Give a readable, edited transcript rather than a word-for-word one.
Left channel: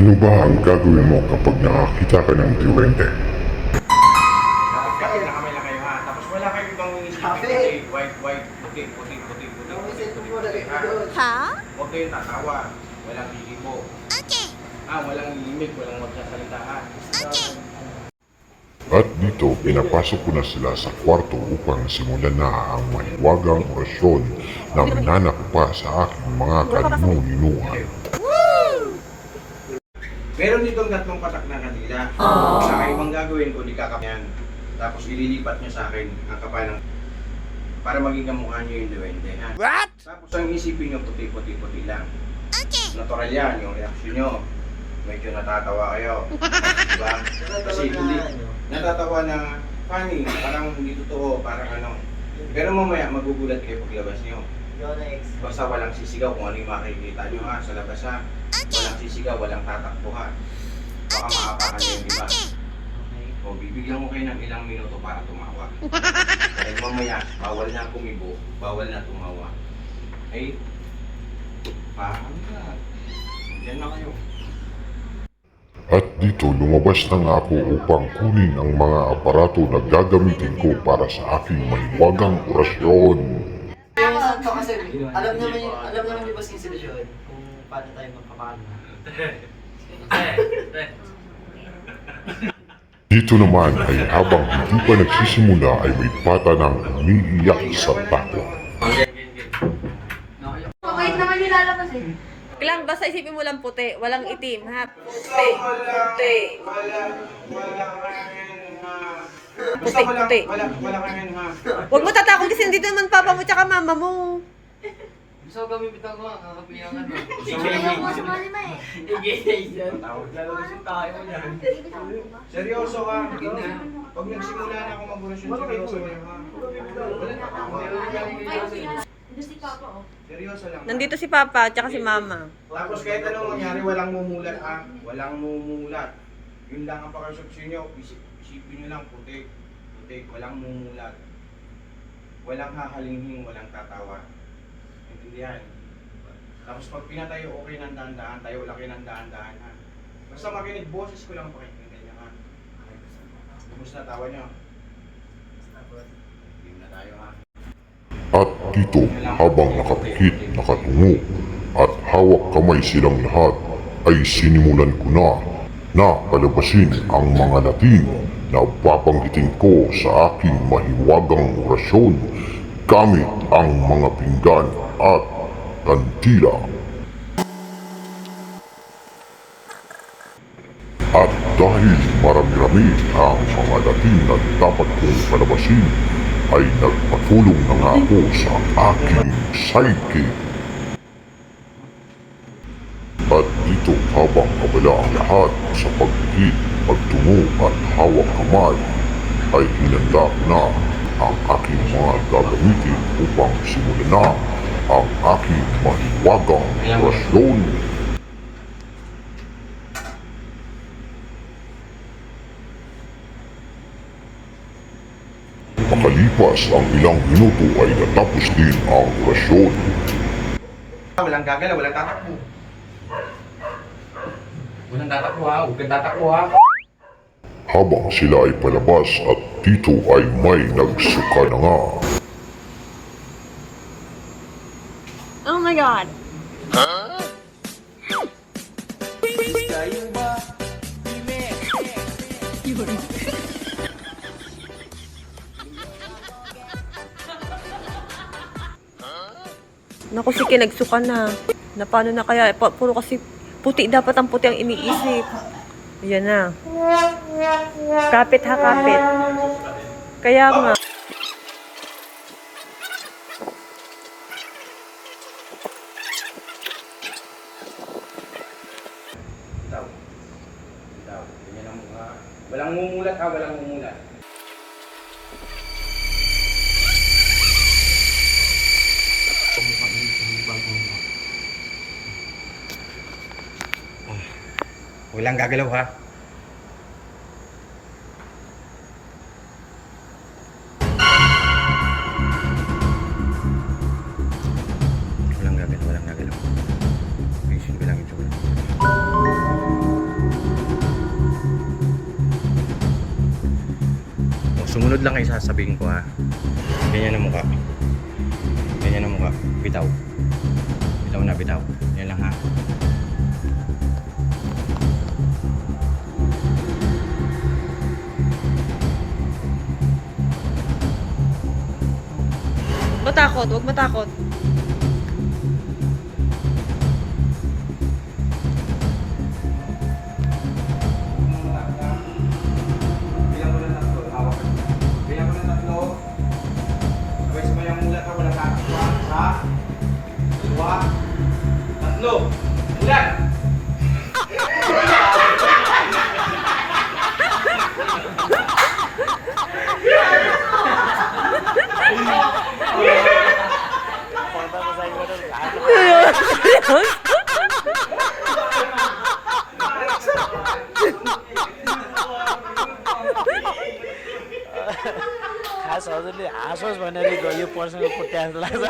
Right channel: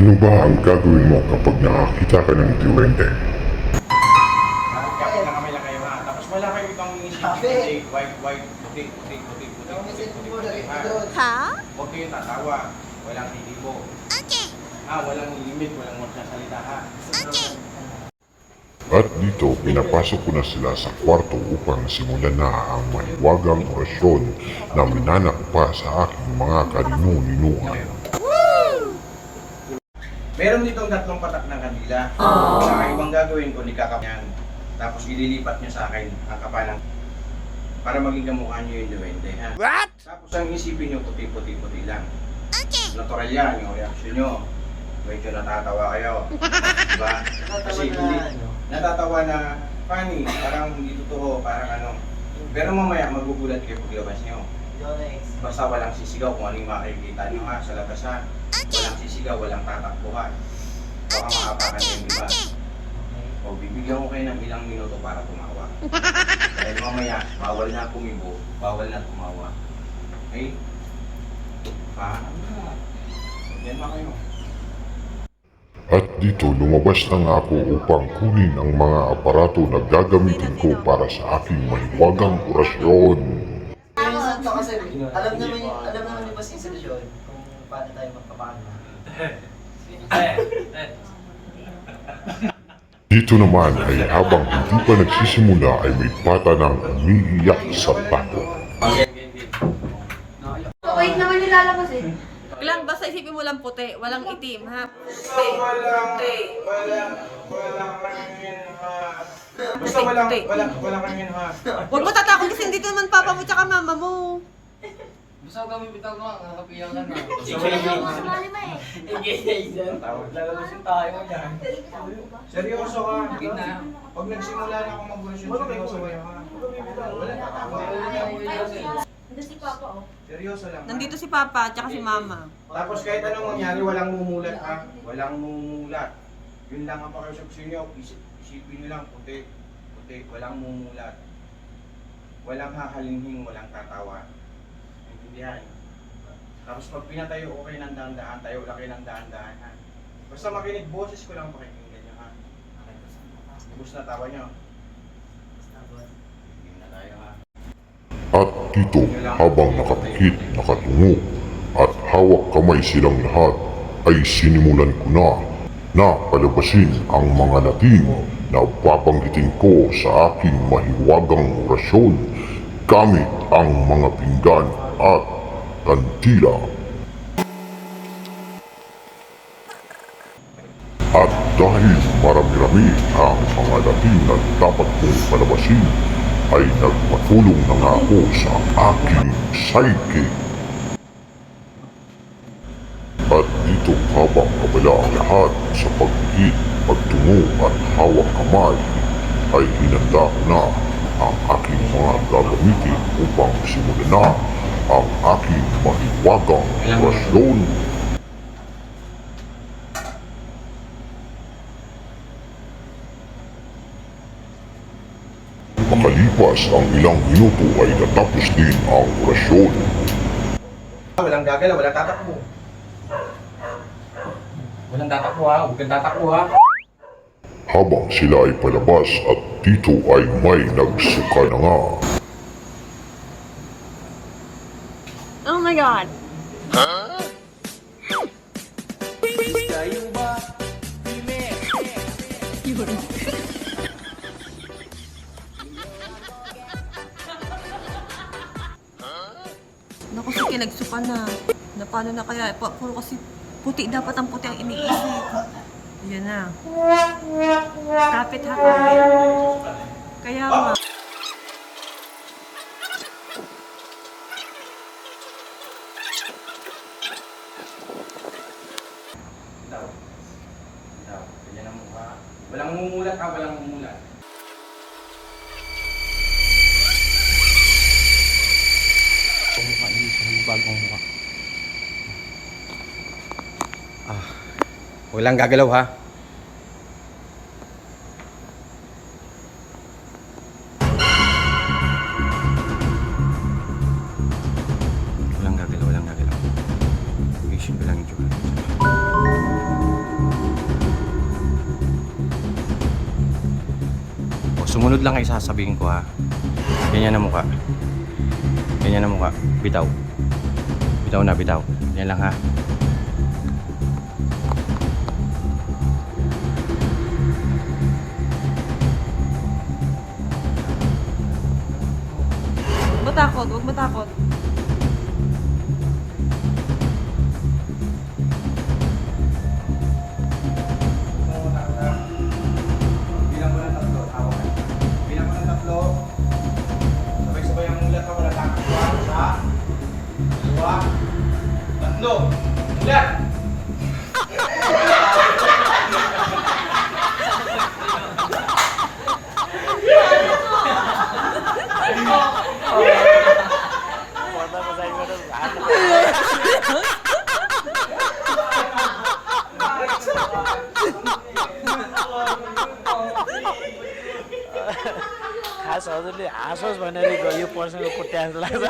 Ano ba ang gagawin mo kapag nakakita ka ng duwende? Kahit nakamay lang kayo ha. Tapos wala kayo ibang white, puti. Ha? Huwag kayo tatawa. Walang hihibo. Okay. Walang limit, walang magsasalita ha. Okay. At dito, pinapasok ko na sila sa kwarto upang simulan na ang mahiwagang orasyon na minanako pa sa aking mga kaninu-ninuan. Meron ditong tatlong patak na kanila. Sa ibang gagawin ko, nikakapanyan. Tapos ililipat nyo sa akin ang kapalang para maging kamukha nyo yung duwende ha. What? Tapos ang isipin nyo, puti lang. Okay. Natural yan, yung reaksyon nyo. Medyo natatawa kayo. Diba? Kasi hindi, natatawa na funny, parang hindi totoo, parang ano. Pero mamaya magugulat kayo paglabas nyo. Basta walang sisigaw kung ano yung makikita nyo ha, sa labas ha. Walang sisigaw, walang tatakbo ha. Baka makapakan yung iba. O bibigyan ko kayo ng ilang minuto para tumawa. Dahil mamaya, bawal na kumibo, bawal na tumawa. Ay, paano na? Diyan na kayo. At dito, lumabas na nga ako upang kunin ang mga aparato na gagamitin ko para sa aking mahiwagang orasyon. Santo kasi alam naman yung boss institution kung paano tayo magpapagma. Dito naman ay habang hindi pa nagsisimula ay may bata nang umiiyak sa takot. Wait naman yung lalabas eh. Lang, basta isipin mo lang puti, walang itim, ha? Puti. Wala kami ha. Puti, puti. Wala kami ha. Huwag mo tatakot kasi nandito naman papa mo tsaka mama mo. Gusto kami bitaw mo, kakapiyangan mo. Lalabasin tayo mo yan. Seryoso ka. Pag nagsimula na ako mag-orasyon, seryoso ka ha. Hindi si Papa oh. Seryoso lang. Nandito si papa tsaka si mama. Tapos kahit anong mangyari, walang mumulat ha. Walang mumulat. Yun lang ang pakasapsin nyo. Isipin nyo lang puti. Walang mumulat. Walang hahalinghing, walang tatawa. Intindihan. Tapos pag pinatayo ko kayo ng dahan-dahan, tayo lang kayo ng dahan-dahan ha. Basta makinig, boses ko lang pakikinggan nyo ha. Bus na tawa nyo. Game na tayo ha. At dito, habang nakapikit, nakatungo, at hawak kamay silang lahat, ay sinimulan ko na palabasin ang mga latin na babanggitin ko sa aking mahiwagang orasyon gamit ang mga pinggan at kantila. At dahil marami-rami ang mga latin na dapat kong palabasin, ay nagpatulong na nga ako sa aking psyche. At dito habang abala ang lahat sa pagkikit, pagtungo at hawak kamay, ay hinanda ko na ang aking mga gagamitin upang simulan na ang aking mahiwagang orasyon. Makalipas ang ilang minuto ay natapos din ang orasyon. Walang gagalaw, walang tatakbo. Walang tatakbo ha, huwag kang tatakbo ha. Habang sila ay palabas at dito ay may nagsuka na nga. Oh my God! Kayo ba? Naku, sige, nagsuka na. Na paano na kaya? Puro kasi puti, dapat ang puti ang iniisip. Ayan na. Kapit ha, kapit. Kaya nga. Ganyan ang mukha. Walang mumulat ha, walang mumulat. Walang gagalaw ha. Walang gagalaw. Patient ko lang yung tsura. Sumunod lang kayo sasabihin ko ha. Ganyan na mukha. Ganyan na mukha. Bitaw. Bitaw na, bitaw. Yan lang ha. Matakot, huwag matakot. Bilang ko ng tatlo. Hawak ka. Bilang ko ng tatlo. Sabay-sabay ang mulat ako. Nagkakasya. Isa. Dua. Tatlo. Mulat! खास हजुरले हाँसोस् भनेर यो पर्सनको कुट्या जस्तो लाग्छ